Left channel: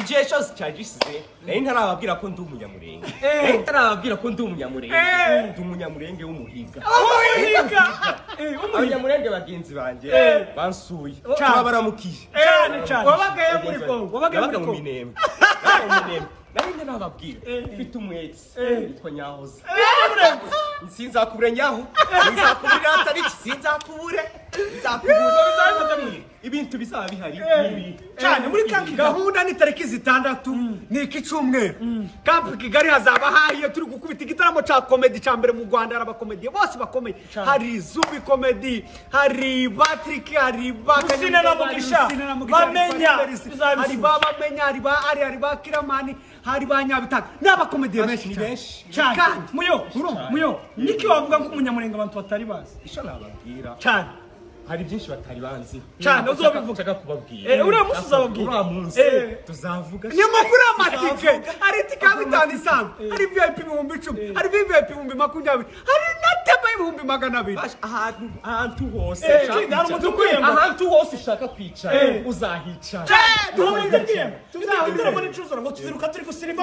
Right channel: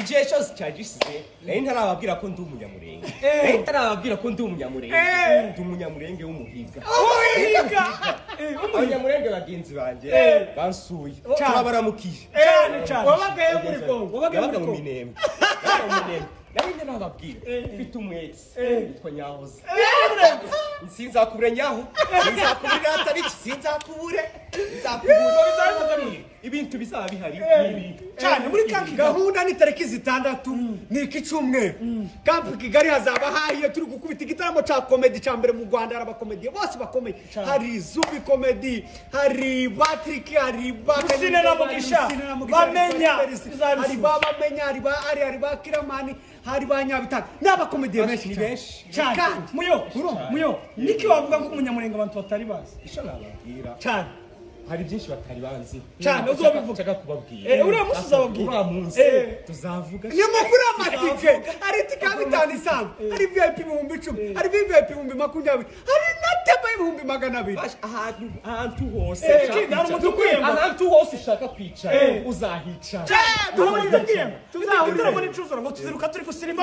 igihe cyose cyagisize nari ntarababwira ko ndi umunyamurenge ntarababwira ko ndi umunyamurenge ndi umunyamurenge w'umuhiga abanyamurenge bagenzi banjye bansuye baramukiye wabagaye muri Kongo wabaga mu Minembwe nari ntarababwira mfite umwezi witwa Nyahoze sinzakubure nyaho sinzakubure atariki sinzakubure ibintu bizaba bihari cyane muri kanki gahunda ni tariki zitandatu ni ikicumweru kampi Kigali hazaba hahiye turi gukubita igitaramo ca comedy ca mbere mu Rwanda arabakomedi bose bakomeye hari Zubi comedy hari Patrick hari Bakanyana na Mugisha bamenya hari babamenya hari ba Kiramani hari ba Nyabitanga n'abakomedi benshi cyane muyo niki wavuga ko umunyamurenge abantu batari bazi isho nababwira cyane hari byinshi batari banzi cyane uzobivuga kubabwira uriya munsi uzababwira munsi tuzavuga nyamakuru amatike hari tikabitani sana hari VIP 10,000 hari VIP 20,000 hari natema 200,000 ahantu hose ahantu hose ushaka kwicara uzahicara tuzahicara ngo tuziruka turi gusirimba